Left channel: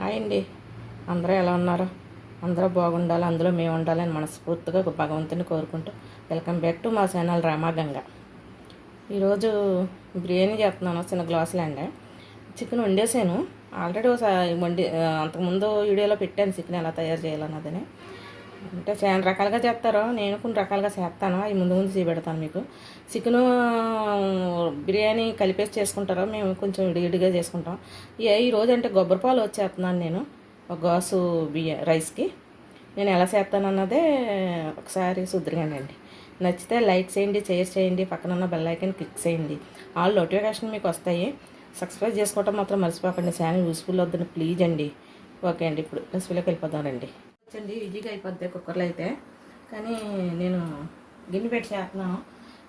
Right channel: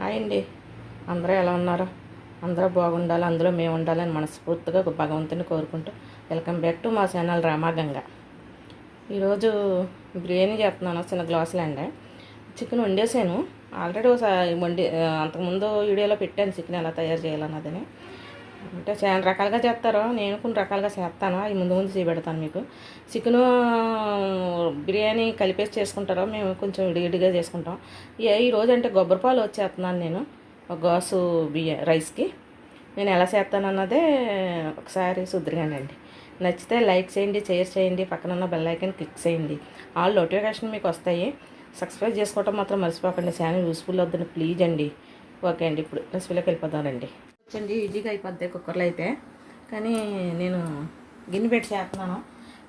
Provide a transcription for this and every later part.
Hi అండి అందరూ ఎలా ఉన్నారు? అందరూ బాగుండాలి అందులో మేము ఉండాలని మనస్ఫూర్తిగా భగవంతుని కోరుకుంటూ వెల్కమ్ బ్యాక్ టు మా ఛానల్ రామాగంగ ఈరోజు బిర్యానీ చేస్తున్నాను చిన్న గ్లాసులు అండి. చికెన్ వండేసాను. ఆల్రెడీ ఒకసారి వండి అంతకుముందు వీడియోలో పెట్టాను చికెన్ ఎలా తయారు చేయాలన్నదని. అంటే చాలా రకాలుగా చేస్తారు. నేను కొన్ని రకాలుగా చేస్తాను. అవి ముందు ముందు చూపెడతాను మీకు. చికెన్ బిర్యానీ కలిపేసి చేసుకుంటారో. మేము కొంచెం ఇడిగిడిగా చేసుకుంటాం. ఏ ఈ రోజు అంటే కొబ్బరిపాలు వచ్చేస్తున్నాను నేను. ఒక గాసు బియ్య రైస్కి. నేను ఎలా చేస్తాను అన్నదే ఒకసారి సుద్రిగానండి నచ్చితే లైక్ చేయండి షేర్ చేయండి పక్కన ఉన్న బెల్ క్లిక్ చేయండి. ఆల్ నోటిఫికేషన్ మీకు వస్తాయి. సబ్స్క్రైబ్ చేసుకోవటం మాత్రం మర్చిపోకండి. ఛానల్ యూస్ఫుల్ అవుతుంది ప్లీజ్ అండి. ఓకే అండి. ఇప్పుడు రెసిపీలోకి వెళ్ళిపోతానండి చండి ఈజీగా అయిపోద్ది కుక్కర్లో అయితే కానీ నేను గిన్నె పెట్టి చేస్తున్నాను.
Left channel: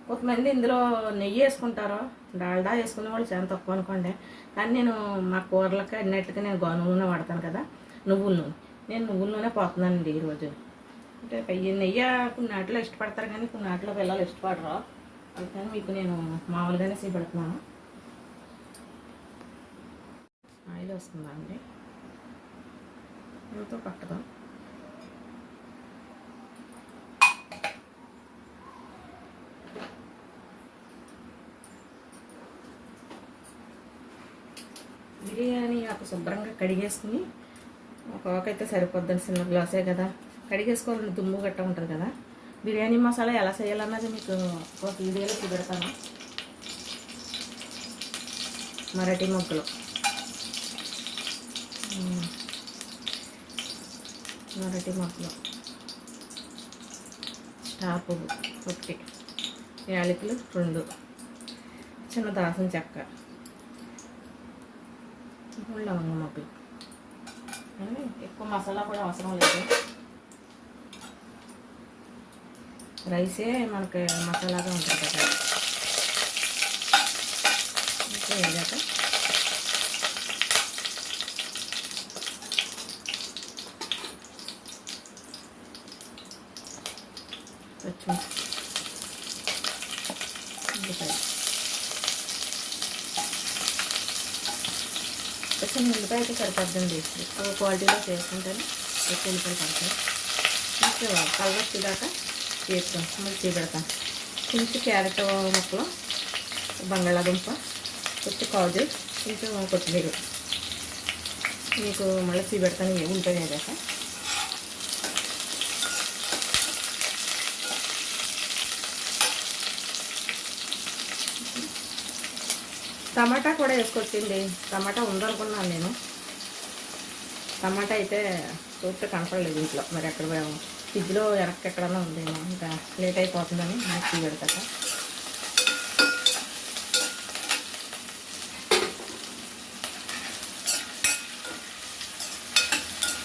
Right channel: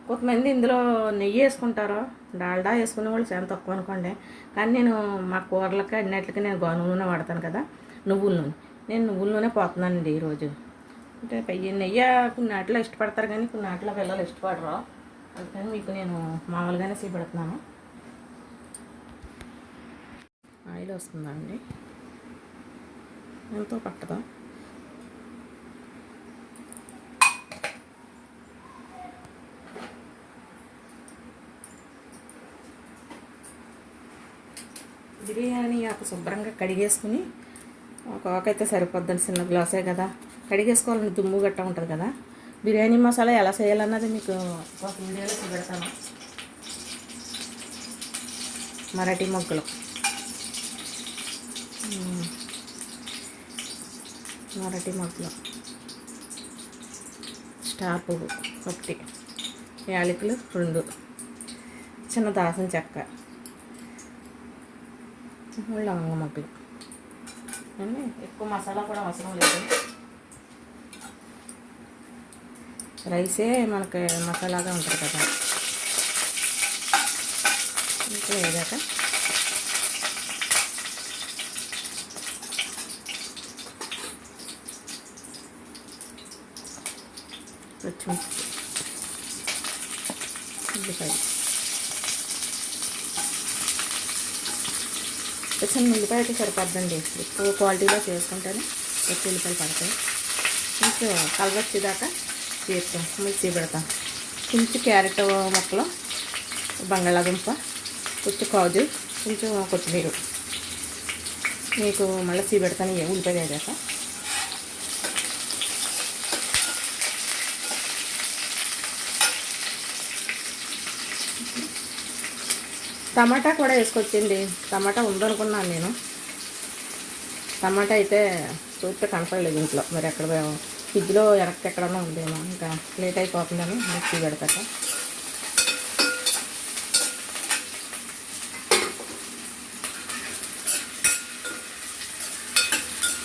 కొంతమంది ఇందులో నెయ్యి వేసుకుంటారు. డాల్డా వేసుకునే వాళ్ళు చాలా తక్కువ అనుకోండి. కానీ నేను మా కూరలకి అన్నిటికీ నేను గోధుమ నూనె వాడతాను కదా నువ్వుల నూనె. నేను నువ్వుల నూనె పోతున్నానండి ఈరోజు. అంటే పెయ్యి నెయ్యి కొన్ని ఆటలో ఇష్టపడతారు కానీ కొన్ని ఆటలో పిల్లలు ఇష్టపడరు. అందుకని మీకు నేను మామూలుగానే చేపెడుతున్నాను. ఆయిల్ వస్తుందండి ఎంతో పట్టదా? బిర్యానీ ఆకు శుభ్రంగా కడిగేసుకుని ఒక ఆకైతే సరిపోద్దని చిన్న గ్లాసే కదా. కడిగేసుకోవాలని దుమ్ము గట్ట ఉంటుంది కదా. బిర్యానీ మసాలా ఎలా చేయాలన్నది మీకు ఒక వీడియోలో చూపెడతాను. మరాఠీ మొగ్గలు మరాఠీ మొగ్గలు స్టార్ పువ్వు ఒకటి. యాలకులు రెండు. చిన్న దాసం చెక్క. లవంగ మొగ్గలు ఏమండి? ఎక్కువ మసాలా కూడా అవసరం లేదు రైసే మనకి మసాలాగా ఉంటుంది కదా ఇంకా వేగాక పచ్చిమిర్చి ఉల్లిపాయ వచ్చిన ఉల్లిపాయ అయితే సరిపోద్దండి అవి క్వాలిటీగా చేసుకుంటాను. ఎక్కువ ఉల్లిపాయలు పడతాయి. కొంచెం కలవచ్చేదాకా చేస్తాం మిర్చి పెడతాం కొంచెం క్యారెట్ మొక్కలు బంగాళాదుంప కొంచెం కాజు కొంచెం కొత్తిమీర. మీకు మళ్ళీ చీ పెడతాను ఉల్లిపాయ వేసాక టమాటా కూడా వేసుకొచ్చింది. టమాటా ఉందనుకున్నాను నేను. టమాటా అయితే చూస్తే కనపడలేదు ఇంట్లో. మరి ఎక్కడ పోయామో ఫ్రిడ్జ్లో వెనక్కి ఎక్కడన్నా ఉంది. ఇంకా లేట్ అయిపోతుందని మిక్సీ పెడతాక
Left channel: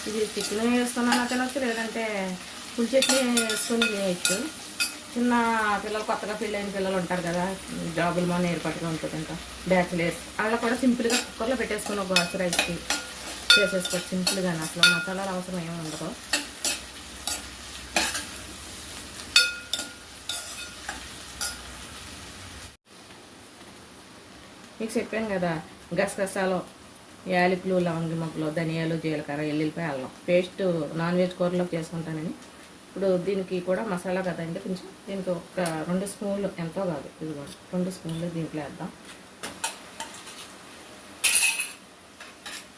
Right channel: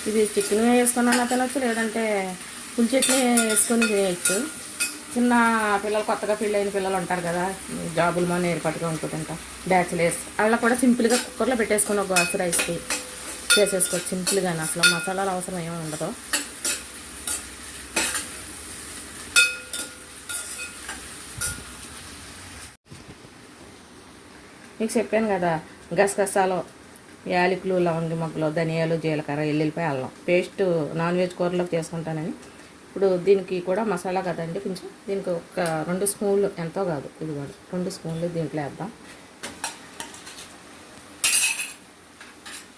ఇది చికెన్ వేసుకున్నా తినచ్చు లేదంటే పులి వేసుకొని చేయొచ్చు? చిన్న పిల్లలు కొత్తగా పెళ్ళైన పిల్లలు ఉంటారు కదా జాబులు మన ఏర్పాటుగా ఉంటుంది ఇంకా. బ్యాచిలర్స్ అలా కూడా సింపుల్గా కుక్కర్లో పెట్టేసుకున్న ఒక రైస్కి చేసేసుకోవచ్చు. సింపుల్గానే అసలు మసాలాలు అవసరం ఏమీ ఉండదు. మీకు చెప్పాను కదా గసగసాలు యాలకులు లవంగి మొగ్గలు ధనియాలు జీలకర్ర ఎల్లుల్లిపాయ అల్లం. పేస్ట్ నాన్ వెజ్ కూరలో చేసుకుంటానని. ఇప్పుడు దీనికి కూడా మసాలా కదండి కొంచెం. దీనికి ఒక రెండు స్పూన్లు ఎంతో కాదు ఇది కాదు రెండు స్పూన్లు దీంట్లో వేద్దాం.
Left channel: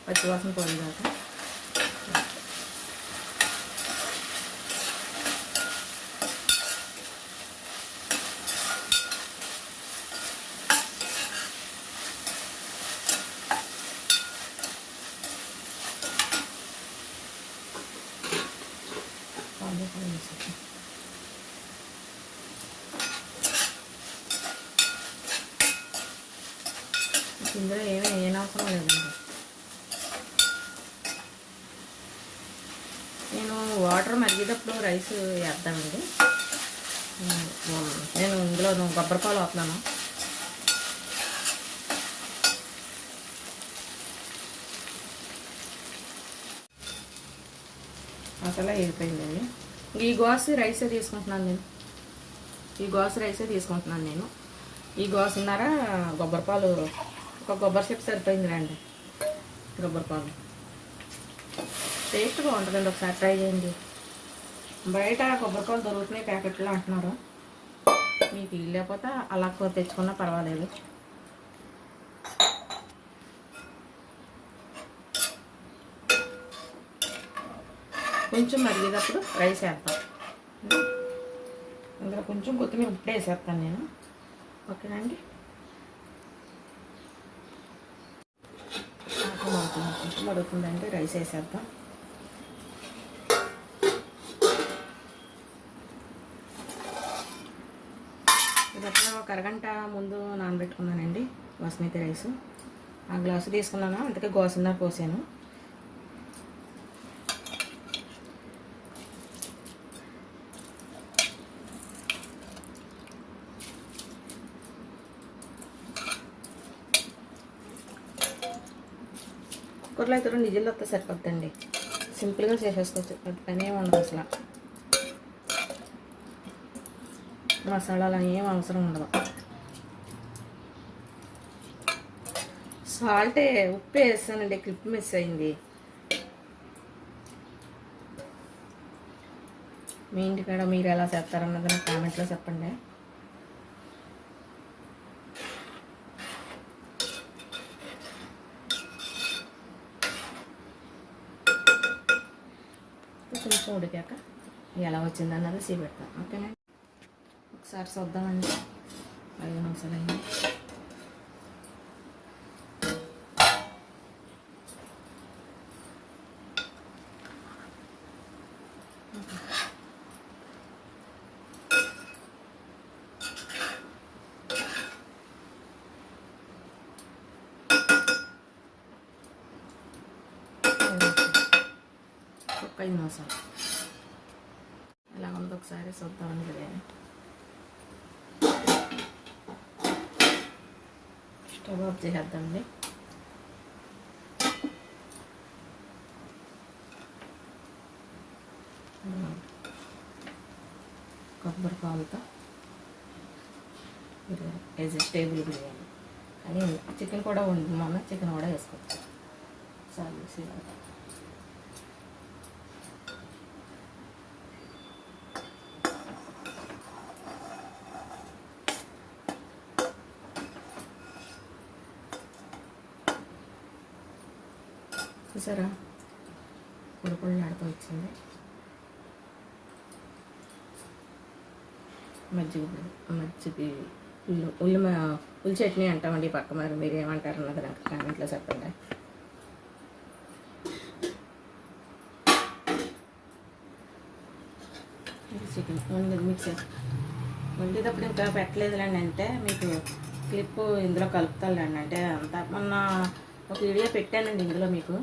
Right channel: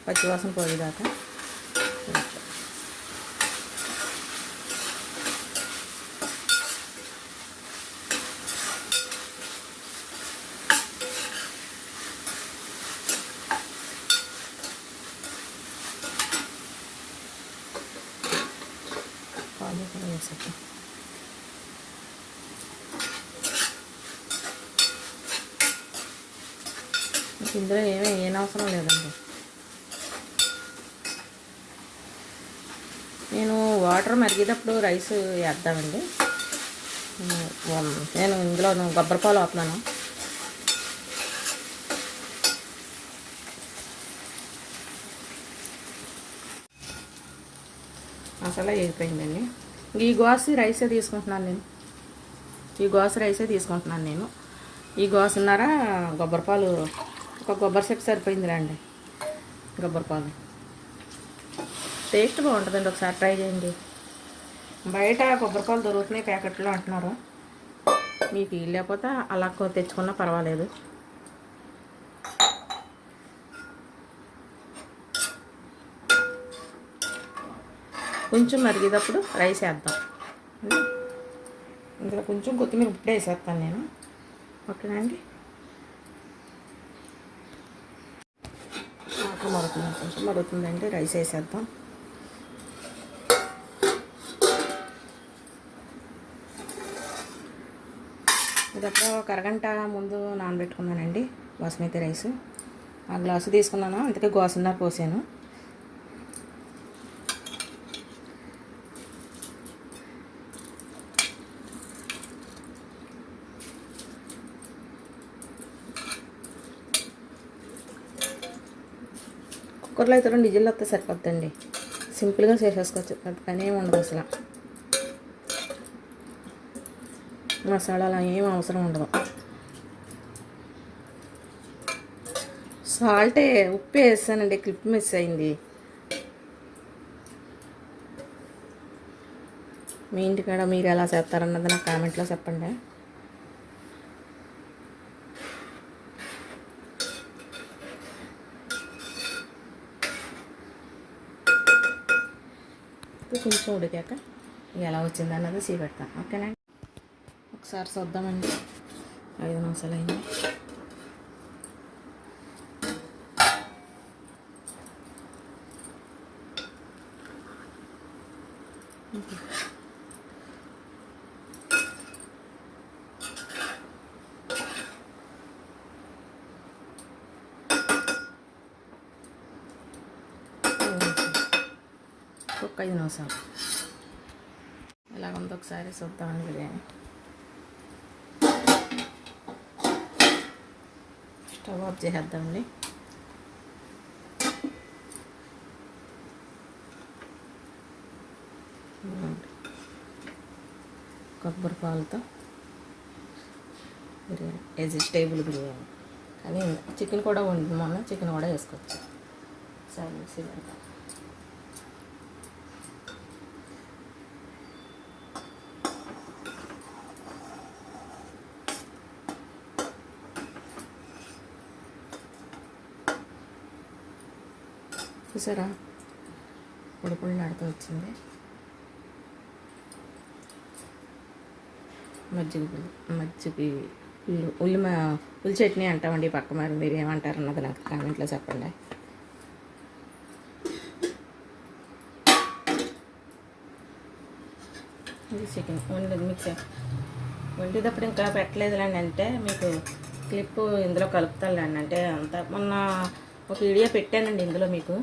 పచ్చివాసన పోయేదాకా ఆలు కూడా వేసేద్దాం ఇందులో ఏమీ ఏం అవసరం లేదండి. నేను వాటర్ మరిగేటప్పుడు రైస్ వేద్దామండి. నేను ఇందులో గబ్బరపాలు అవుతున్నాను మసాలా వేగిపోయిందండి. ఈ గోసి రైసే తీసుకుంటున్నాను నేను. ఈ గోసి రైసే తీసుకుంటున్నాను నేను. ఈ గోసున్నర కొబ్బరిపాలు ఒక కొబ్బరి చెప్పు సరిపోయింది రండి కొబ్బరిపాలు టేస్ట్ బాగుంటుందండి ఒకసారి ట్రై చేయండి. బయట కొబ్బరిపాలు దొరుకుతున్నాయి ప్యాకెట్లో అంటున్నారు. మీకు లేకపోతే అలా తెచ్చుకున్నా పర్వాలేదు. కొంచెం మరిగేటప్పుడు రైస్ వేద్దాం. ఇందులో కొంచెం కొత్తిమీర ఇప్పుడే వేసేస్తాను నేను. ఓకేనండి అవుతుంది కొంచెం మరుగుతుందంటే రైస్ వేసేద్దాం. ఇదొక ఒక అరగంట ముందు నానబెట్టుకున్నానండి బాస్మతి రైస్. ఆ గ్లాసు తీసుకున్నాను? అందుకే గోసన్నర పోసాను. కుక్కర్లో అయితే రెండు వస్తే సరిపోద్దండి. సింపుల్గా చేసేసుకోవచ్చు. అది పని ఏమి ఉండదు అసలు. మసాలాలు ఏం అవసరం ఉండదు సాల్టే ఉప్పు వేసానండి క్లిప్ మిస్ అయింది. మీ ఇంటికాడ మీరు ఎలా చేస్తారన్నది నాకు కామెంట్లో చెప్పండి. ఇది కొంచెం ఉడికాక ఎలా వచ్చింది అన్నది సీ పెడతాను ఓకేనండి ఒకసారి చూద్దామండి. ఐదు నిమిషాలు అయింది. ఒక్క ఐదు నిమిషాలు ఇలా ఉంది ఒకసారి చూద్దామని బిర్యానీ. Stove off చేసేద్దామండి. కొబ్బరి పాలతో బిర్యానీ. వెజిటేబుల్ బిర్యానీ. కానీ చికెన్ కూడా ఉంది మనం చికెన్ కూడా వేసుకోవచ్చు సరే. చూసారా? ఉడుకులు నడుతూ వచ్చింది. మజ్జిగ మజ్జిగి మజ్జిగ ఉల్లి ఉల్లి ఉల్లి చట్నీ అంటామండి పక్క మరి. మీరు ఏమంటారు అన్నది నాకు కామెంట్లో చెప్పండి. చికెన్ వండి మిక్సీ వండేటప్పుడు ఇంకా పెట్టలేదులేండి అంటే మీకు క్లిప్ ఇందులో కలుపుతానులేండి. అంటే అంత మొన్న ఒక వీడియో పెట్టానండి ఇందులో మీకు.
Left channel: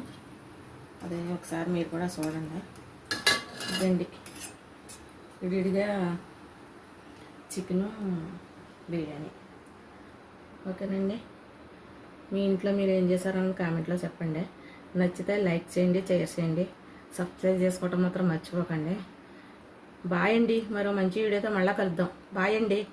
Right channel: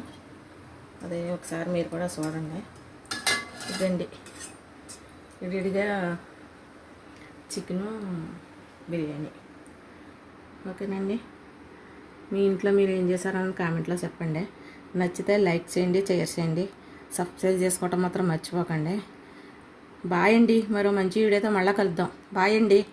అదే ఒకసారి మీరు కూడా చూడండి. ఇదండి. విడిగా చికెను బిర్యానీ. ఓకేనండి? మీ ఇంట్లో మీరు ఏం చేశారని కామెంట్లో చెప్పండి. నచ్చితే లైక్ చేయండి షేర్ చేయండి. సబ్స్క్రైబ్ చేసుకోవటం మాత్రం మర్చిపోకండి. బాయ్ అండి. మరో మంచి వీడియోతో మళ్ళీ కలుద్దాం. బాయ్ అండి.